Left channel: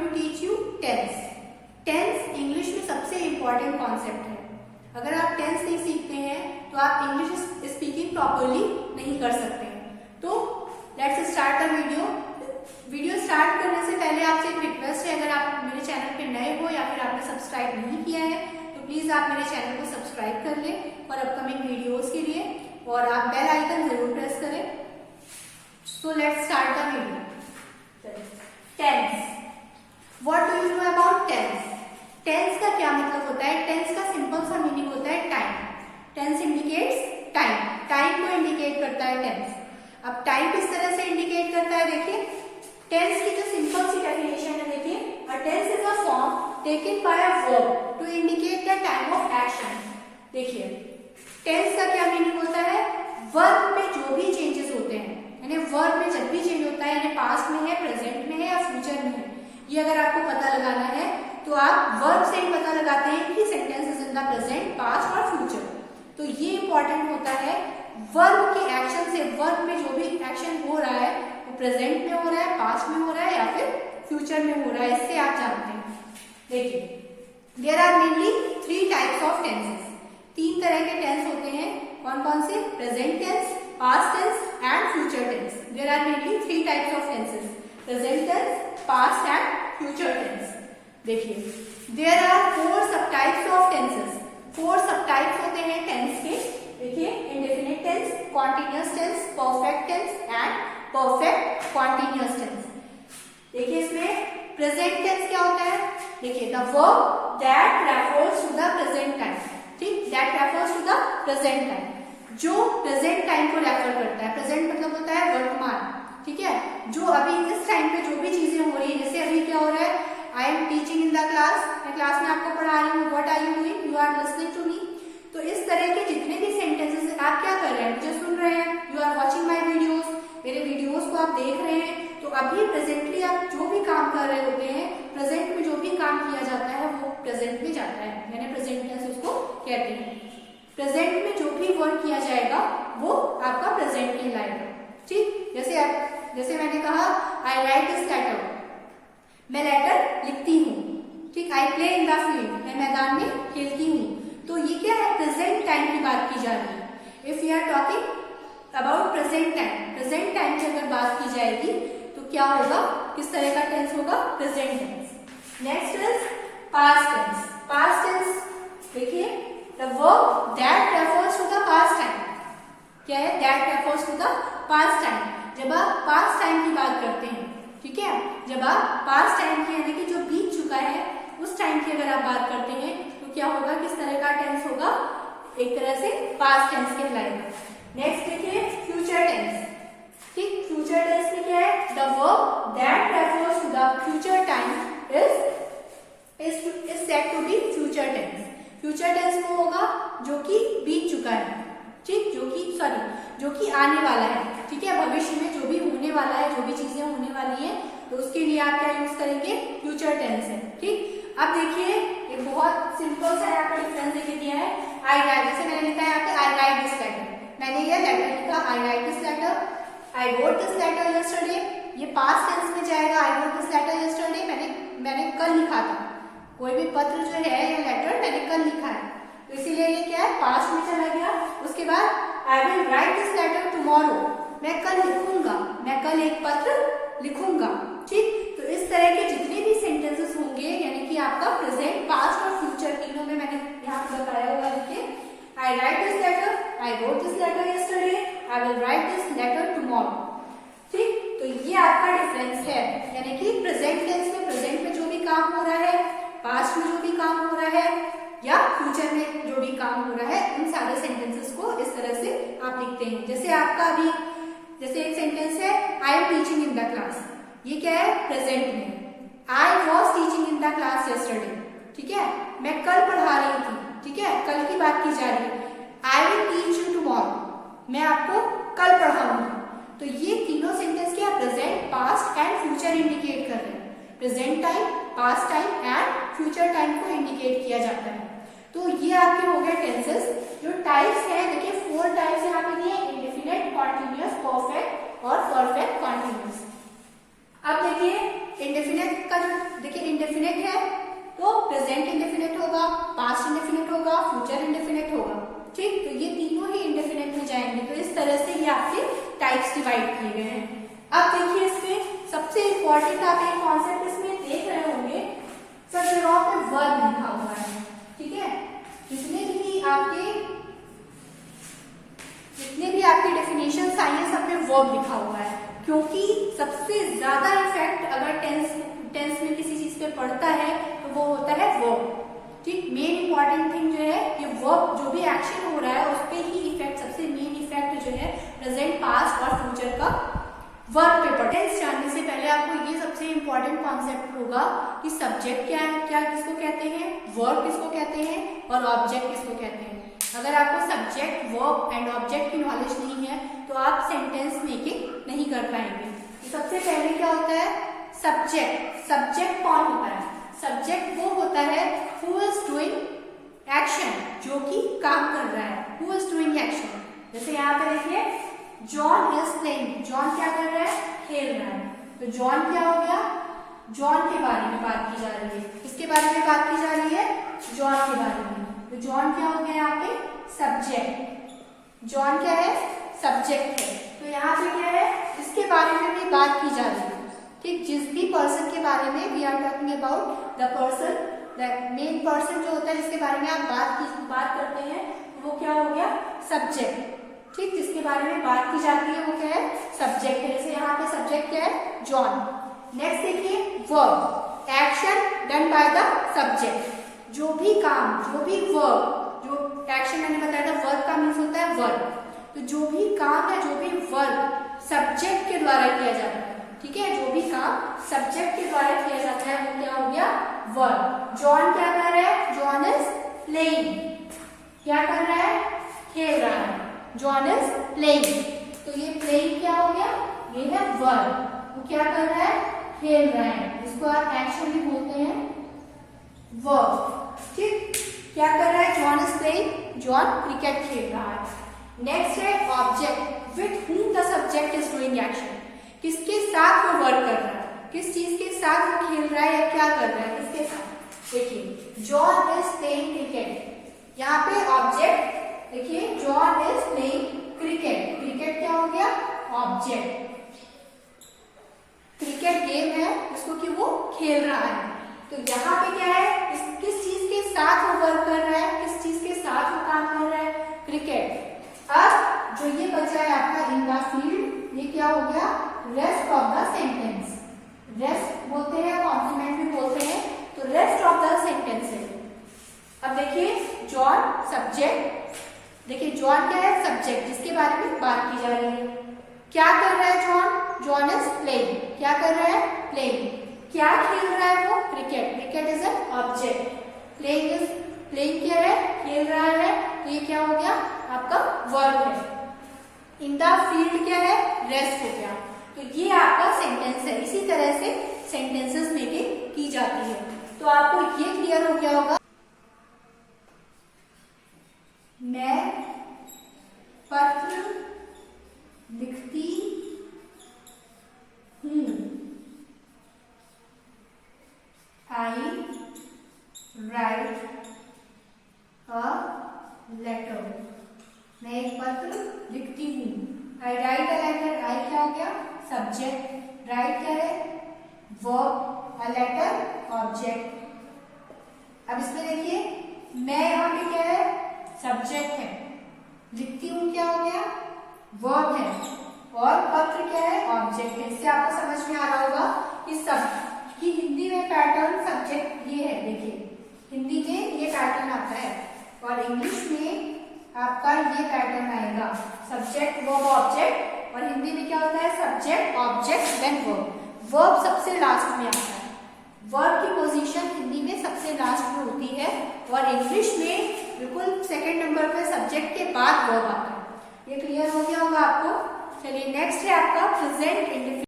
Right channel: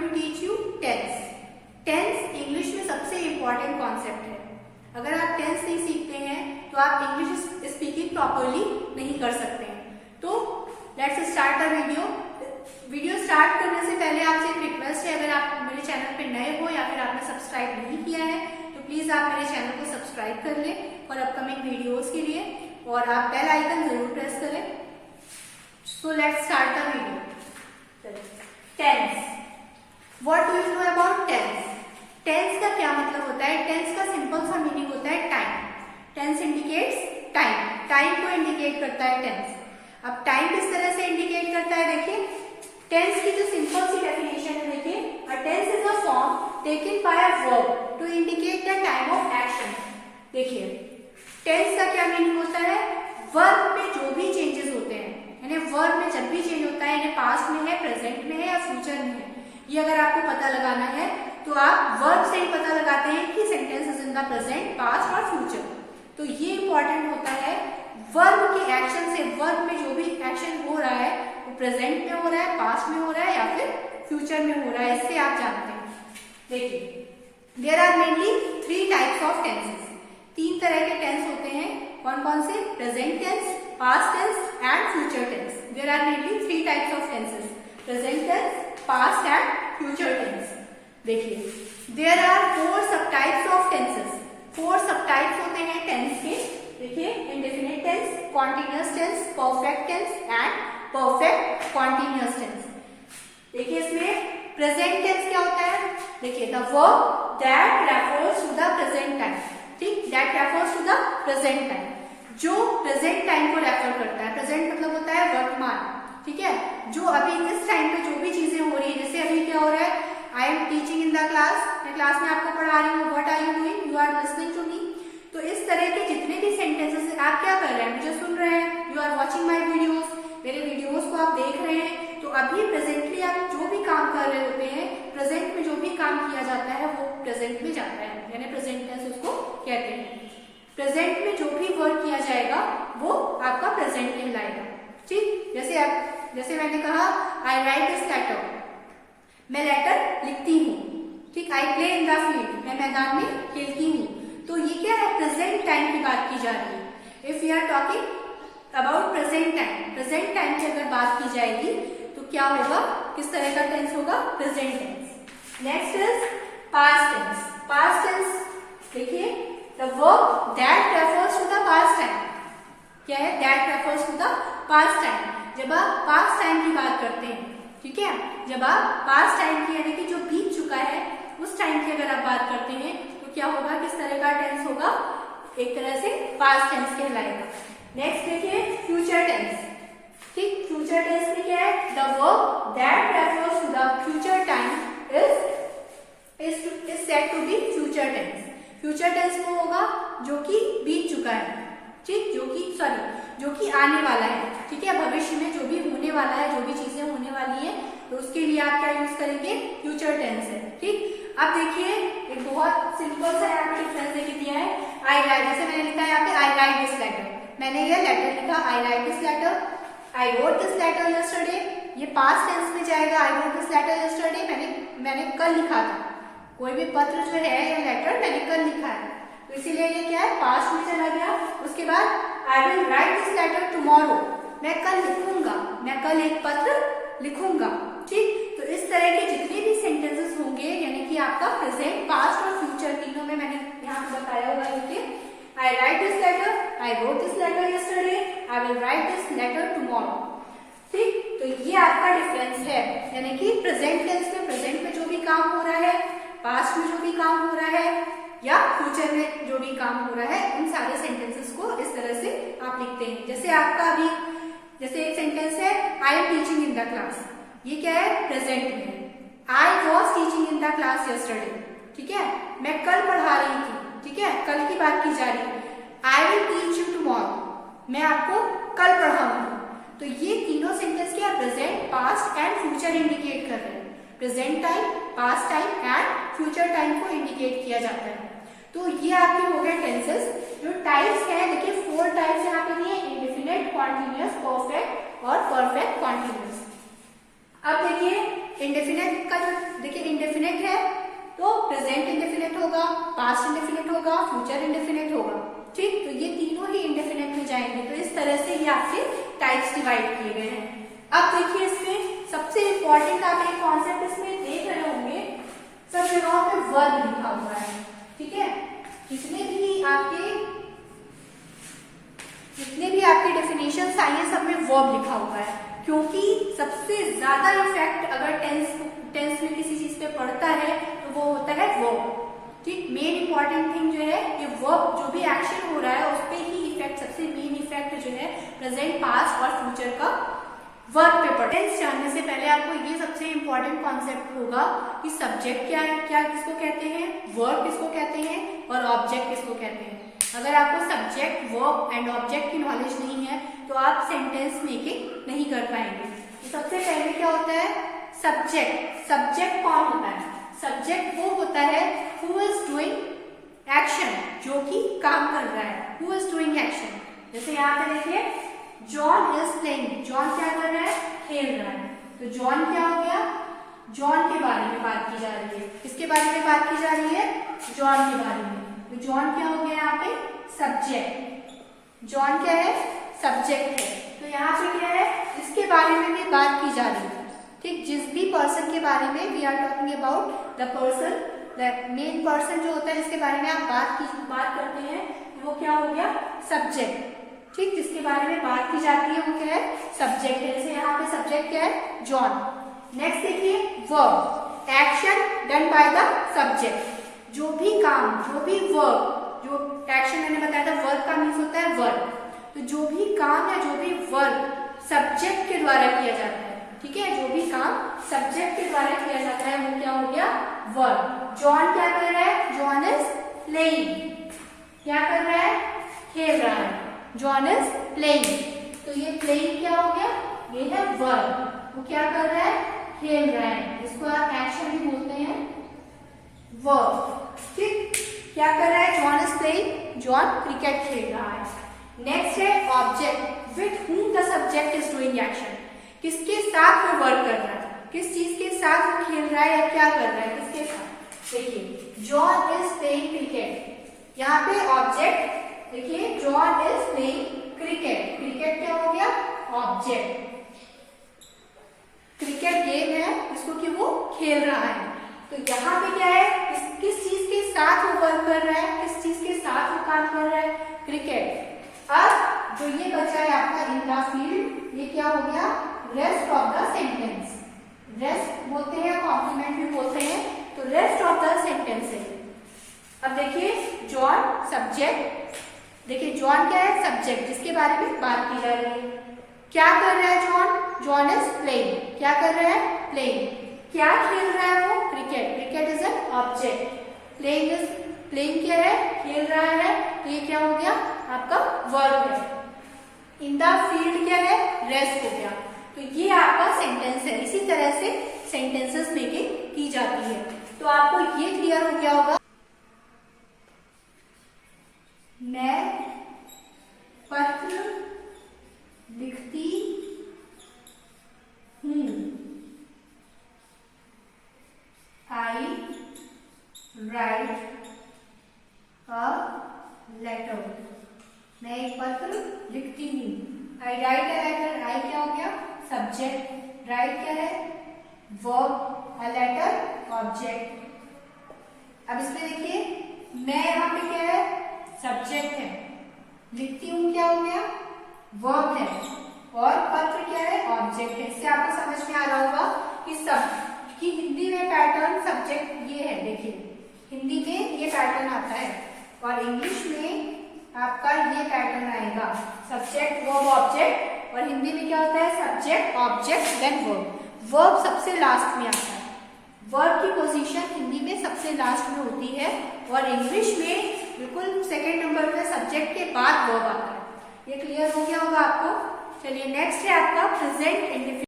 To teach you tense. Tense English में सबसे important concept है। अगर आप टेंस नहीं सीखते हैं तो आप इंग्लिश स्पीकिंग प्रॉपरली नहीं कर सकते हैं। तो let's start the video. Video start करने से पहले आपसे एक रिक्वेस्ट है, अगर आप मेरे चैनल पे नए हो या फिर आपने सब्सक्राइब नहीं किया है तो प्लीज आप मेरे चैनल को सब्सक्राइब कर लें और अपकमिंग वीडियोस के लिए, और आप बेल आइकन जरूर प्रेस करें। So let's start the video. Tense, what do you know about tense? Tense का क्या मतलब होता है? टेंस का सिंपल सा मीनिंग होता है time. Tense indicates time, time को इंडिकेट करता है टेंस। अब टाइम किस तरह से इंडिकेट करता है, देखिए टेंस की जो सिंपल सी डेफिनेशन है, देखिए a tense is a form taken by a verb to indicate the time of action. देखिए टेंस का क्या मीनिंग होता है? वर्ब में जो भी चेंजेस होते हैं, यानी वर्ब में जब भी चेंज होता है, यानी पास्ट में है, प्रेजेंट में है या फ्यूचर में है, ये अगर आपको पता लगाना है तो आप वर्ब से ही पता लगाते हैं कि sentence is in the present, past और फ्यूचर। तो ये इंपॉर्टेंट होता है वर्ब के एक्शन से। वर्ब में जो भी एक्शन हो रहा है वो प्रेजेंट में हो रहा है, पास्ट में हो रहा है या फिर फ्यूचर में हो रहा है, इससे आप जानते हैं। देखिए there are mainly 3 types of tenses. 3 तरह के टेंस होते हैं। कौन कौन से? Present tense, past tense and future tense. There are mainly 3 types of tenses, present tense, past and future tense. देखिए देयर आर 4 सब टाइप्स ऑफ टेंसेस। 4 सब टाइप्स होते हैं टेंस के। देखिए indefinite tense, continuous tense, perfect tense and perfect continuous tense. देखिए इसमें present tense क्या होता है? देखिए the verb that refers to the present time. ठीक, that refers to the present time, जो प्रेजेंट टाइम को रेफर करता है। प्रेजेंट मतलब होता है वर्तमान, ठीक है, जो अभी इस टाइम पे जो भी चीजें हो रही है। जैसे अभी क्या हो रहा है, I am teaching in the class, मैं क्लास में आपको पढ़ा रही हूँ। What are you doing? You are listening to me. तो इस तरह के जितने भी सेंटेंसेस आप क्या कर रहे हैं, मुझे सुन रहे हैं, you are watching my videos, मेरे वीडियोज को आप देख रहे हैं। तो अभी प्रेजेंटली आप जो भी काम कर रहे होते हैं, प्रेजेंट में जो भी काम किया जाता है वो प्रेजेंट में जाता है, यानी प्रेजेंट टेंस उसको कहते हैं। प्रेजेंट में जो भी वर्क किया जाएगा वो आपका प्रेजेंट कहलाएगा। ठीक, जैसे मैंने कहा आई राइट दिस लेटर, मैं लेटर लिखती हूँ। ठीक, I play in the field, मैं मैदान में खेलती हूँ। तो ये क्या है? प्रेजेंट टाइम की बात की जा रही है। If we are talking about present time, present time की अगर बात की जाएगी तो क्या होगा, किस तरह का टेंस होगा? Present tense. Next is past tense. Past tense, देखिए the verb that refers to the past time. क्या है? That refers to the past time. जब आप पास्ट टाइम की बात करते हैं, ठीक है, जब आप पास्ट टाइम की यानी कि जो बीत चुका है उस टाइम की अगर आप बात करते हैं तो क्या होगा, किस तरह का टेंस होगा? एक तरह से पास्ट टेंस कहलाएगा। नेक्स्ट देखिए फ्यूचर टेंस। ठीक, फ्यूचर टेंस में क्या है? The verb that refers to the future time is said to be future tense. Future tense वो होगा जो कि बीत चुका है, ठीक, जो कि आने वाला है, ठीक है, भविष्य में जो भी होने वाला है, जो भी चीजें होने वाली है, तो उसके लिए आप क्या यूज करेंगे? फ्यूचर टेंस है। ठीक, अब देखिए एक बहुत सिंपल सा यहाँ पे डिफरेंस देख दिया है। आई राइट, जैसे मैंने लिखा है यहाँ पे आई राइट दिस लेटर, मैंने ये लेटर लिखा, I write this letter, I wrote this letter yesterday. ये पास्ट टेंस में जाएगा, I wrote this letter yesterday, मैंने कल लिखा था। कोई भी पत्र जो है या लेटर मैंने कल लिखा है, तो इसीलिए ये क्या है? पास्ट में चला गया। उसके बाद I will write this letter tomorrow, मैं कल लिखूंगा, मैं कल एक पत्र लिखूंगा। ठीक, तो इस तरह के जितने भी सेंटेंसेस होंगे, यानी कि आपका प्रेजेंट, पास्ट और फ्यूचर तीनों में मैंने यहाँ पे बताया हुआ है कि I write this letter, I wrote this letter yesterday, I will write this letter tomorrow. ठीक, तो ये आपका डिफरेंस है, यानी कि प्रेजेंट टेंस में प्रेजेंट में जो भी काम हो रहा है, पास्ट में जो भी काम हो रहा है या फ्यूचर में जो भी काम हो रहा है, उन सारे सेंटेंसेस को इस तरह से आप लिखते हैं। जैसे आपका अभी जैसे एक सेंटेंस है I am teaching in the class, ये क्या है? प्रेजेंट में। I was teaching in the class yesterday, ठीक है, मैं कल पढ़ा रही थी, ठीक है, कल की बात की जा रही है। I will teach you tomorrow, मैं आपको कल पढ़ाऊंगी। तो ये तीनों सेंटेंस क्या? Present, past and future indicate कर रहे हैं। Present time, past time and future time को इंडिकेट किया जाता है। तो ये आपके हो गए टेंसेस। जो टाइप्स है, देखिए 4 टाइप्स यहाँ पे दिए, इंडेफिनिट, कॉन्टिन्यूअस, परफेक्ट और परफेक्ट कॉन्टिन्यूअस। अब देखिए इंडेफिनिट का जो देखिए इंडेफिनिट है तो प्रेजेंट इंडेफिनिट होगा, पास्ट इंडेफिनिट होगा, फ्यूचर इंडेफिनिट होगा। ठीक, तो ये तीनों ही इंडेफिनिट में जाएंगे। तो इस तरह से ये आपके टाइप्स डिवाइड किए गए हैं। अब देखिए इसमें सबसे इंपॉर्टेंट आप एक कॉन्सेप्ट इसमें देख रहे होंगे, सब जगहों पे वर्ब लिखा हुआ है। ठीक है, जितने भी आपके डेफिनेशन आई है सब में वर्ब लिखा हुआ है, क्योंकि सबसे ज्यादा इफेक्ट अगर टेंस में किसी चीज पे पड़ता है तो वो होता है वर्ब। ठीक, मेन इंपॉर्टेंट थिंग जो है ये वर्ब, जो भी एक्शन हो रहा है उस पे ही इफेक्ट, सबसे मेन इफेक्ट जो है प्रेजेंट, पास्ट और फ्यूचर का वर्ब पे पड़ता है। टेंस जानने से पहले आपको ये सबसे इंपॉर्टेंट कॉन्सेप्ट होगा कि सब्जेक्ट क्या है, क्या किसको कहते हैं, वर्ब किसको कहते हैं और ऑब्जेक्ट किसको कहते हैं। अगर आपको सब्जेक्ट, वर्ब एंड ऑब्जेक्ट की नॉलेज नहीं है तो आप सेंटेंस मेकिंग नहीं कर पाएंगे। तो सबसे पहले क्या होता है, सब्जेक्ट। सब्जेक्ट कौन होता है? सब्जेक्ट वो होता है हु इज डूइंग एक्शन, जो कि काम कर रहा है, हु इज डूइंग एक्शन। जैसे यहाँ पे देखिए जॉन इज प्लेइंग, जॉन क्या कर रहा है, खेल रहा है। तो जॉन क्या हो गया, जॉन के बारे में बात की जा रही है। किसके बारे में बात की जा रही है, जॉन के बारे में। तो जॉन क्या हो गया यहाँ पे, सब्जेक्ट। जॉन क्या है, सब्जेक्ट है। तो यहाँ पे क्या है, जिसके बारे में भी बात की जा रही है। ठीक, जिस भी पर्सन के बारे में we are talking about the person, that main person जो होता है जिसके बारे में आप बात करते हैं, वो क्या हो गया, सब्जेक्ट। ठीक, जिसके बारे में बात की जाती है वो क्या है, सब्जेक्ट है। जैसे यहाँ पे सब्जेक्ट क्या है, जॉन। नेक्स्ट देखिए verb, action done by the subject. जो भी काम, जो भी वर्ब, जो एक्शन मैंने बताया था वर्ब का मीन्स होता है वर्ब। तो जो भी काम या जो भी वर्ब सब्जेक्ट के द्वारा किया जाता है, ठीक है, जो भी काम सब्जेक्ट के द्वारा किया जाता है वो क्या हो गया, वर्ब। जॉन क्या कर रहा है, जॉन इज प्लेइंग, क्या कर रहा है, खेल रहा है। जॉन इज प्लेइंग, तो ये प्लेइंग क्या हो गया, ये है वर्ब। वो क्या कर रहा है, खेल रहा है, इसको आप एक्शन भी बोलते हैं वर्ब। ठीक, क्या कर रहा है, John is playing, John cricket खेल रहा है। नेक्स्ट है object, with whom the subject is doing action. किसके साथ वो वर्क कर रहा है, किस चीज के साथ वो खेल रहा है या क्या कर रहा है, किसके साथ। देखिए जॉन इज प्लेइंग क्रिकेट, यहाँ पे ऑब्जेक्ट देखिए, John is playing cricket. Cricket क्या हो गया, ऑब्जेक्ट। क्रिकेट गेम है जिसको कि वो खेल रहा है। तो यहाँ पे क्या है, किस चीज के साथ वो वर्क कर रहा है, किस चीज के साथ वो काम कर रहा है, क्रिकेट। अब जो ये बचा है आपका इन द फील्ड, ये क्या हो गया, rest of the sentence. Rest बोलते हैं, कॉम्प्लीमेंट भी बोलते हैं, तो रेस्ट ऑफ द सेंटेंस है। अब देखिए जॉन सब्जेक्ट, देखिए जॉन क्या है, सब्जेक्ट जिसके बारे में बात की जा रही है। क्या कर रहा है जॉन, जॉन इज प्लेइंग, क्या कर रहा है, प्लेइंग। क्या खेल रहा है वो, cricket. Cricket is an object. Playing क्या है, खेल रहा है। तो ये क्या हो गया, आपका वर्ब है। इन द फील्ड क्या है, रेस्ट हो गया। तो ये आपका सेंटेंस है। इसी तरह से सेंटेंसेस मेकिंग की जाती है। तो आपको ये क्लियर हो गया होगा। मैं पत्र लिखती हूँ, आई राइट अ लेटर। मैं एक पत्र लिखती हूँ, आई राइट अ लेटर। आई क्या हो गया, सब्जेक्ट। राइट क्या है, वर्ब। A letter object. अब इसमें देखिए मैं यहाँ पे क्या है, सब्जेक्ट है। लिखती हूँ क्या हो गया, वर्ब है। और पत्र क्या है, ऑब्जेक्ट है। इससे आपको समझ में आ रहा होगा कि हिंदी में पैटर्न सब्जेक्ट ये है। देखिए हिंदी में ये पैटर्न आता है और इंग्लिश में आपका ये पैटर्न आएगा, सब्जेक्ट वर्ब ऑब्जेक्ट। और हिंदी में क्या होता है, subject object then verb. Verb सबसे लास्ट में आता है। वर्ब की पोजीशन हिंदी में सबसे लास्ट में होती है और इंग्लिश में बिल्कुल सेकंड नंबर पे सब्जेक्ट के बाद वर्ब आता है। ये क्लियर हो गया होगा आपको। चलिए नेक्स्ट है आपका प्रेजेंट इंडेफिनिट।